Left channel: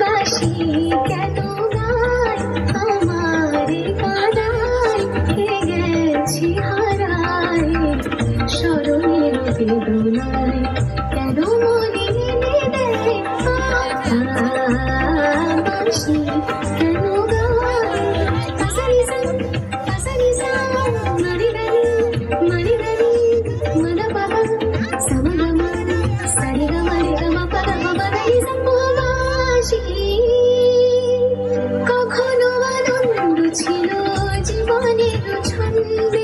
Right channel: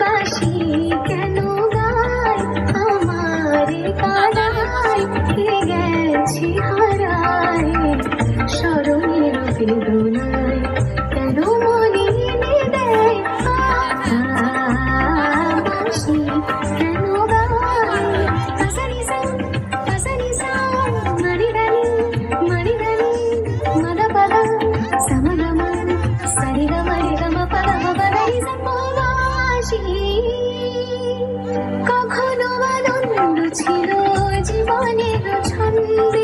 বাসি কেন গায় আমার কাদায় গেছি হারায় স্মরণের বেদনায় কেন মনে দেয় বাসি কেন গায় মরি দানি মদ পদ সমগম সরিগম রিগম পদ মদাই বাসি কখনো আনন্দ ছিল জীবনের ছন্দে